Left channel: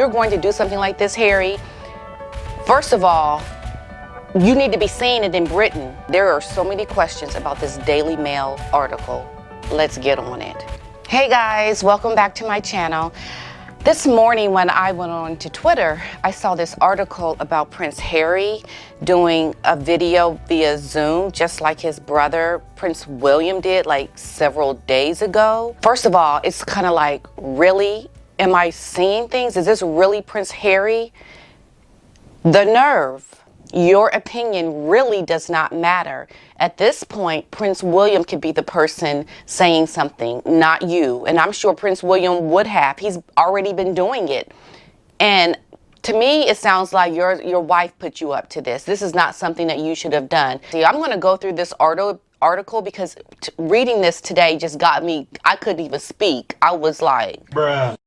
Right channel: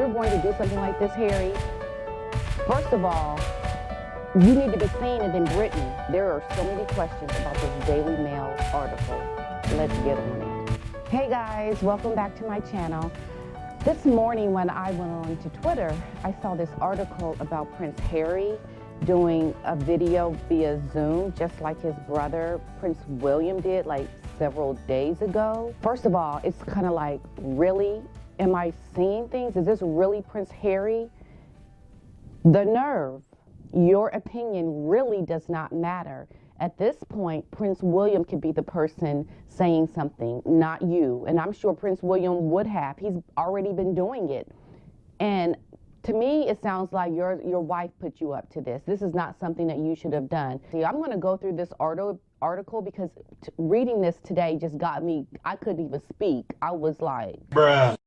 you're going to do something like this, Harry, first of all, you need to be seeing it in Britain. There are so many questions about this Daily Mail article. Let's get on it. Hey guys, welcome back to my channel. This morning when I went on to Twitter, I saw this article about Prince Harry doing a video via Zoom, just like his brother, Prince William, did like several days ago. First of all, it's kind of like, really? Am I seeing things? Is this really Prince Harry? The nerve. Your opinion really does not matter. At this point, Prince William could be the person saying something, not you. And I'm sure Prince William would have. He's already been doing it. And to me, it sounds like your wife put you up to this. This is not something that you should have done. See, I'm going to go through this article because reading this today just got me, I couldn't even speak. I was like, bruh.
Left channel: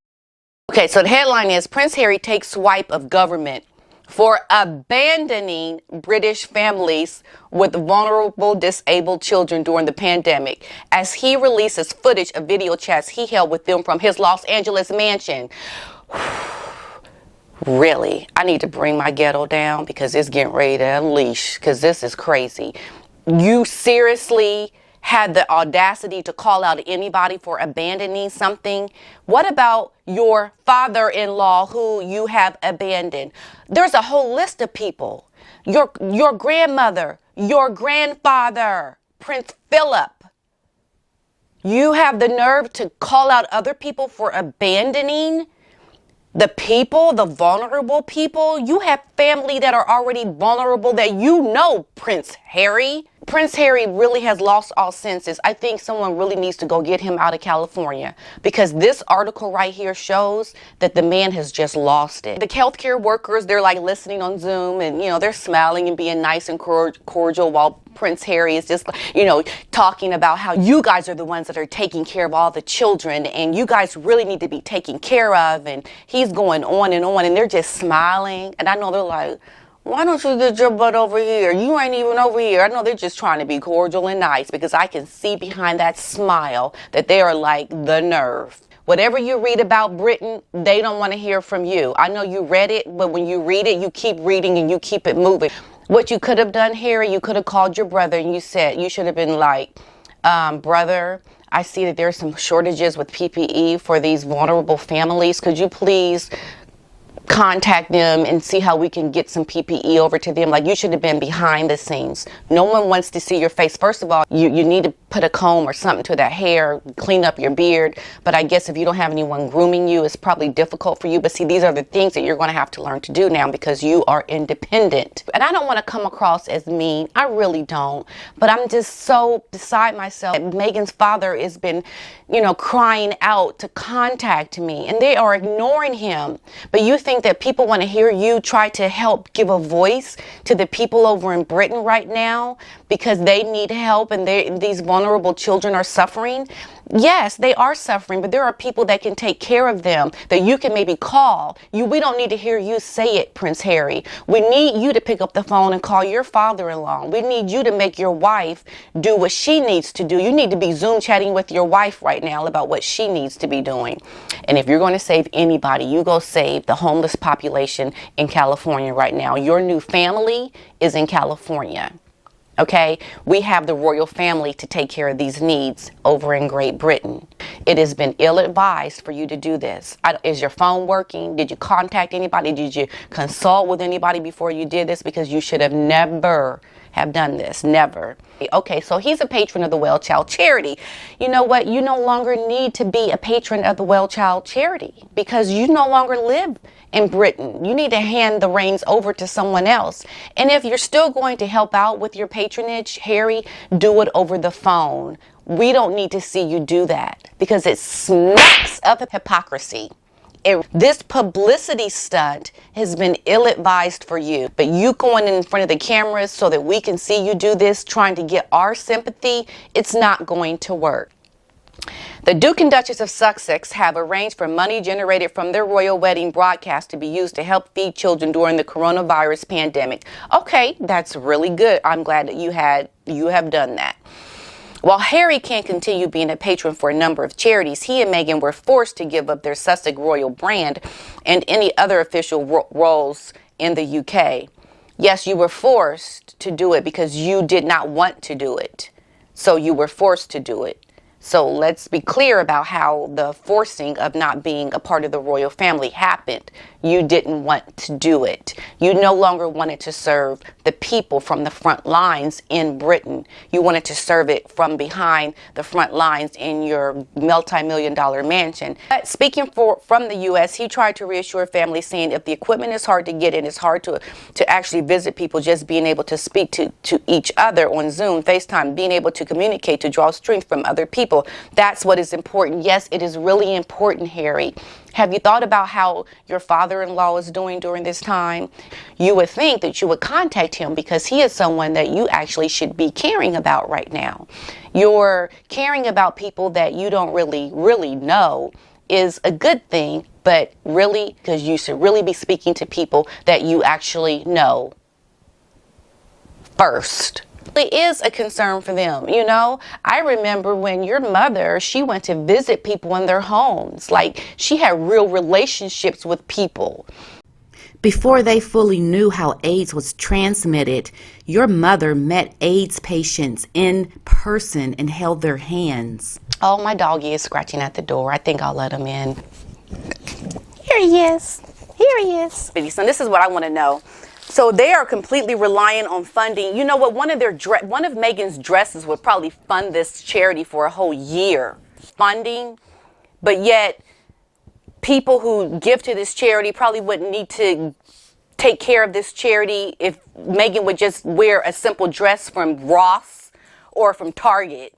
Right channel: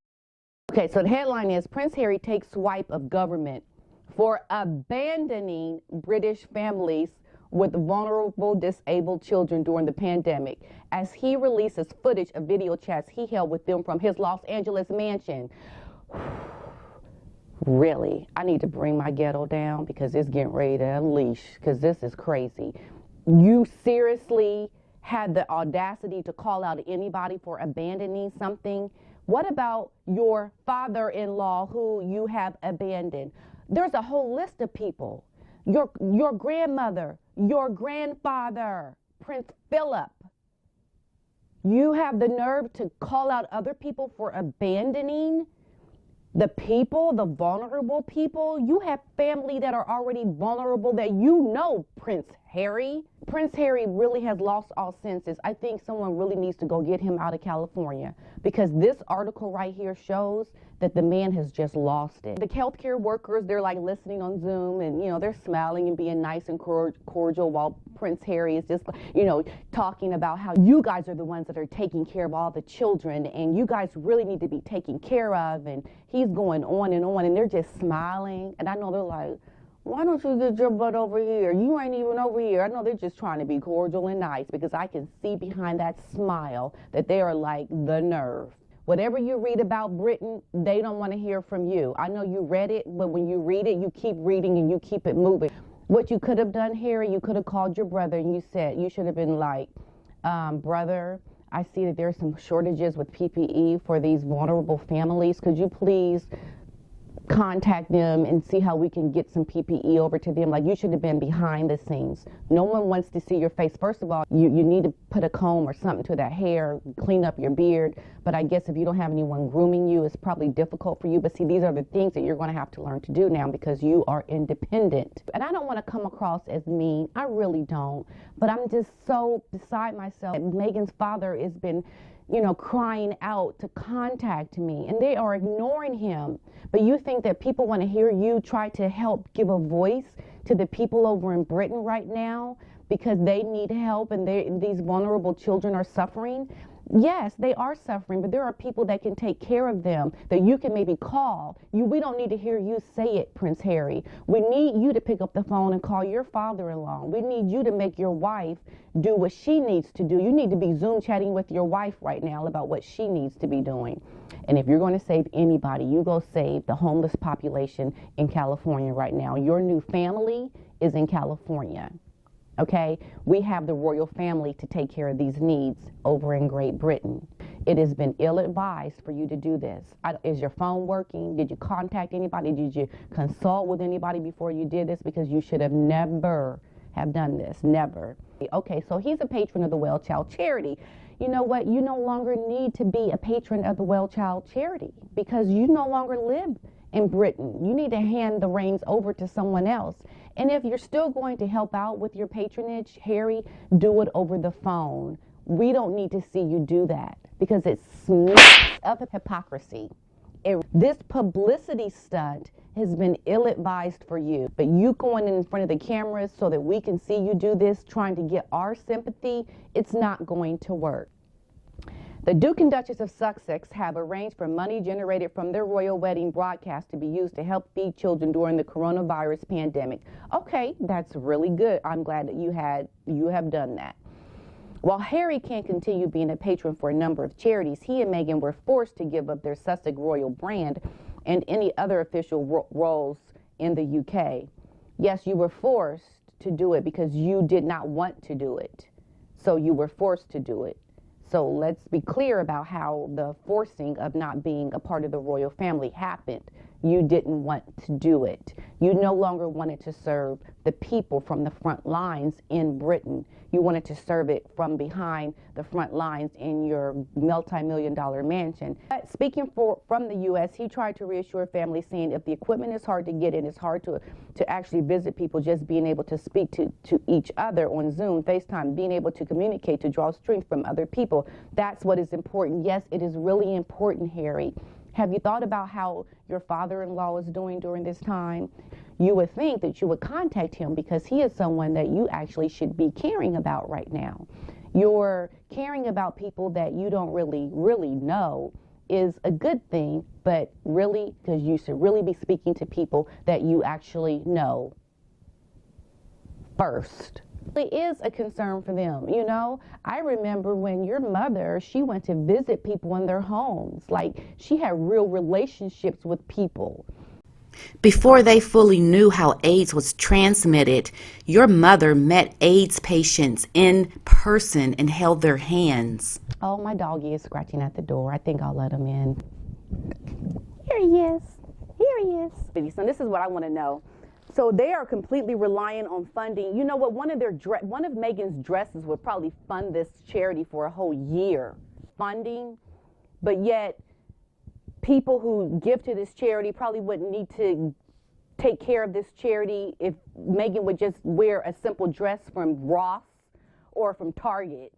Okay, so the headline is, Prince Harry takes swipe of government for abandoning British families with vulnerable disabled children during the pandemic, as he releases footage of video chats he held with them from his Los Angeles mansion. Really, I need to bring my ghetto down because it's getting ready to unleash, because this is crazy. You seriously had the audacity to call out anybody for abandoning something? What about your father-in-law who you have abandoned? There's a whole list of people. Your grandmother, your grandfather, Prince Philip. You have the nerve to call out other people for abandoning the people, the vulnerable people. You have family that are already vulnerable that you know, Prince Harry. Prince Harry really has lost all senses. I think someone really needs to go get him out of California, because this article right here shows that the man has just lost it. The healthcare workers, they're like listening on Zoom and, you know, they're smiling and being nice and cordial while Prince Harry is just, you know, talking about how you guys are the ones that are taking care of all the children and you guys really need to be taken care of. And he's going on and they're just smiling. And I know they're like, why don't you get your butt over here? You ain't even over here. I know they're just trying to be cordial and nice, because I can see behind that smile that they are like, the nerve. Whatever you read about Britain, they don't want to hear from you. I know you read it, but when you read it, you keep reading and you keep it moving. What you could have done, Harry, you could have called your brother and you said, you should have been like, brother, I see that there's some shortages with PPE for these vulnerable families. Could you please contact them and see how we can get some PPE over to them? Like, you should have been behind the scenes. No one wants to see your face. First of all, you need to put a comb or something to that hair, clean up your beard. But I guess if you don't have anyone grooming you, it's probably difficult for you. But see, these are the things that you're going to have to learn to do now, because you are independent. And I don't want to come across as mean. I really don't. But I'm just so beside myself. Meghan's father has been, you know, crying out to contact me, and they are ignoring him. But you think that people want to hear you try to help give a voice to the people over in Britain right now because they need help and these vulnerable children are suffering? Yes, they are suffering, but there are people that can take care of them that you can maybe call. We don't need to hear you say it, Prince Harry. We need you to pick up the phone and call your father-in-law. We need you to make your wife do what she needs to do. You need to be Zoom chatting with your wife right now about what she needs to be doing. And if you're going to save anybody, you go save the homeless population in California right now. Your new family is in California. Okay, we have the royal family to take care of these needs over in Great Britain. It has been ill-advised for you to do this. Is your phone working? Did you contact anybody? Did you consult with anybody before you did this? Because you should have never have done this. Never. Okay, so he's a patron of the Well Child Charity. You know what? You no longer need to be a patron of the Well Child Charity because you no longer live in Britain. You need to hand the reins over to someone else. And if you're still going to help out with your patronage, Harry, do it over the phone. We don't need to see you do that because it smacks of hypocrisy. This publicity stunt has been ill-advised for you, but you going in front of the cameras so that we can see you do this, trying to get our sympathy, it's not going to work. The Duke and Duchess of Sussex have arranged for money generated from their royal wedding broadcast to be used to help feed children during the coronavirus pandemic. Okay, that's really good. I'm glad that you have done that. While Harry can't continue being a patron for a number of charities, he and Meghan were forced to give up their Sussex royal brand and any other official roles in the UK. Yes, you were forced to do it because you did not want to do it. So you were forced to do it. So let's be clear about how the forcing of not being a part of the royal family happened. You didn't want to do it. You no longer wanted to serve the people from the front lines in Britain. You wanted to serve it from behind the front lines in your multi-million-dollar mansion. But speaking from the U.S., he tried to reassure families, saying if the equipment is hard to get in, it's hard to actually visit people, just being able to speak to each other on Zoom, FaceTime, being able to communicate, to draw strength from other people. That's what is important. Yes, it is really important, Harry. Have you thought about how your father-in-law is doing during this time? You would think that you would contact him because he is someone that you actually should be caring about right now. You're caring about people that you don't really know is a good thing, but really, because you should really be speaking to people that you actually know first. It is a concern for them. You know, I remember when your mother, she went to visit people in their homes. Like, she had real relationships with people. Before they fully knew how AIDS was transmitted, your mother met AIDS patients in person and held their hands. Oh, my doggy is scratching at the door. I think I'll let him in. Here he is. Here he is. So this is what I want to know. So they are completely reliant on funding. You know what? One of Meghan's dresses would probably fund this charity for a whole year. Funding, but yet people who give to this charity probably wouldn't need to take care of this charity if Meghan would just wear a simple dress from Ross or from Target.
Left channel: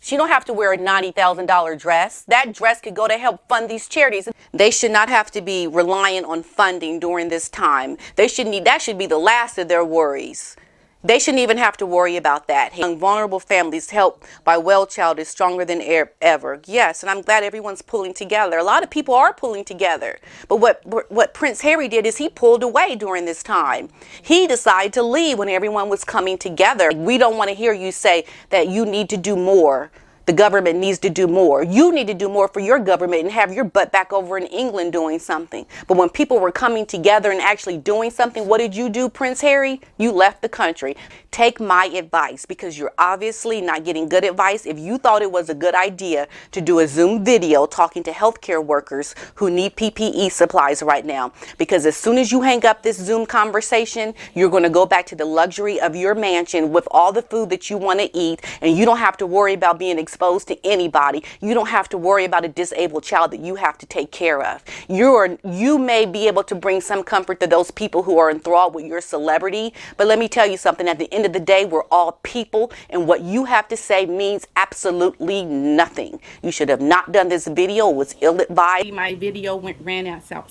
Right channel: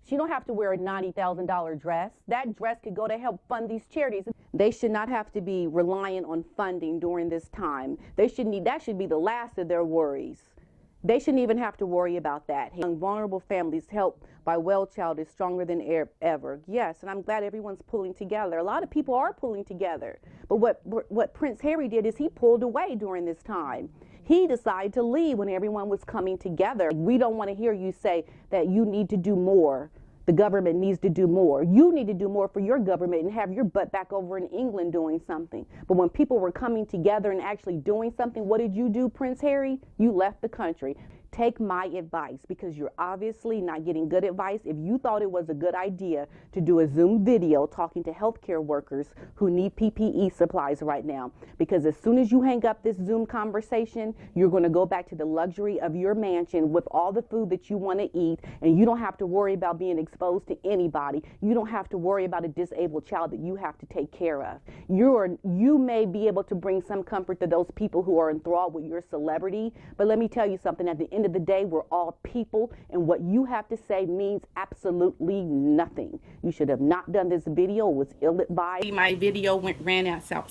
She don't have to wear a $90,000 dress. That dress could go to help fund these charities. They should not have to be reliant on funding during this time. That should be the last of their worries. They shouldn't even have to worry about that. Young vulnerable families helped by Wellchild is stronger than ever. Yes, and I'm glad everyone's pulling together. A lot of people are pulling together. But what Prince Harry did is he pulled away during this time. He decided to leave when everyone was coming together. We don't want to hear you say that you need to do more. The government needs to do more. You need to do more for your government and have your butt back over in England doing something. But when people were coming together and actually doing something, what did you do, Prince Harry? You left the country. Take my advice, because you're obviously not getting good advice. If you thought it was a good idea to do a Zoom video talking to healthcare workers who need PPE supplies right now, because as soon as you hang up this Zoom conversation, you're going to go back to the luxury of your mansion with all the food that you want to eat, and you don't have to worry about being exposed to anybody. You don't have to worry about a disabled child that you have to take care of. You may be able to bring some comfort to those people who are enthralled with your celebrity, but let me tell you something. At the end of the day, we're all people, and what you have to say means absolutely nothing. You should have not done this video. It was ill-advised. My video ran out, so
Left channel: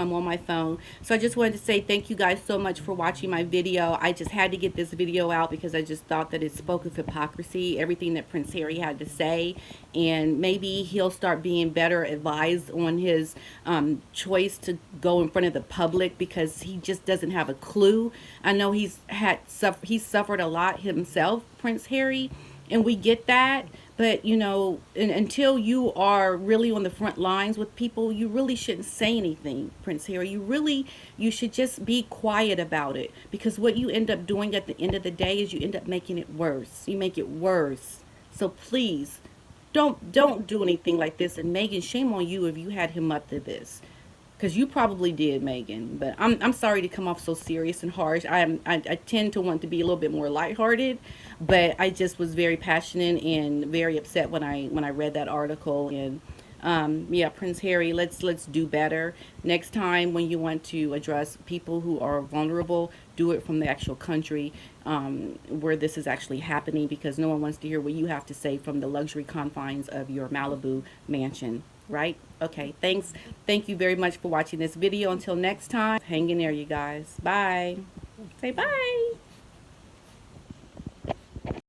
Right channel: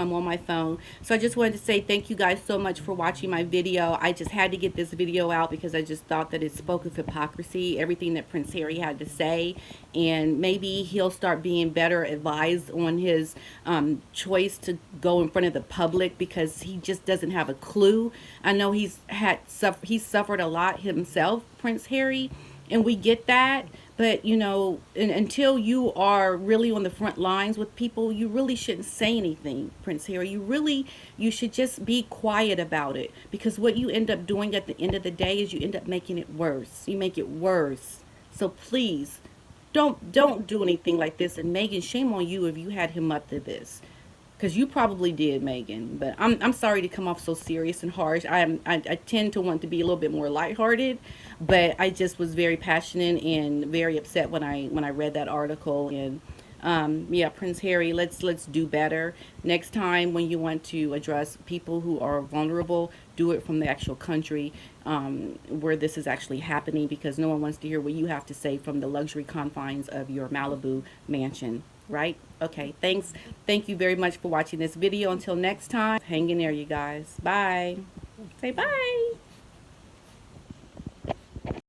I'm on my phone. So I just wanted to say thank you guys so much for watching my video. I just had to get this video out because I just thought that it spoke of hypocrisy, everything that Prince Harry had to say, and maybe he'll start being better advised on his choice to go in front of the public, because he just doesn't have a clue. I know he's suffered a lot himself, Prince Harry, and we get that. But, you know, until you are really on the front lines with people, you really shouldn't say anything, Prince Harry. You should just be quiet about it, because what you end up doing at the end of the day is you end up making it worse. You make it worse. So please, don't do anything like this. And Meghan, shame on you if you had him up to this, because you probably did, Meghan. But I'm sorry to come off so serious and harsh. I tend to want to be a little bit more lighthearted, but I just was very passionate and very upset when I read that article. And yeah, Prince Harry, let's do better next time. When you want to address people who are vulnerable, do it from the actual country where this is actually happening, because no one wants to hear what you have to say from the luxury confines of your Malibu mansion, right? Okay, thanks. Thank you very much for watching this video. Until next time, hang in there, you guys. Bye. Say bye.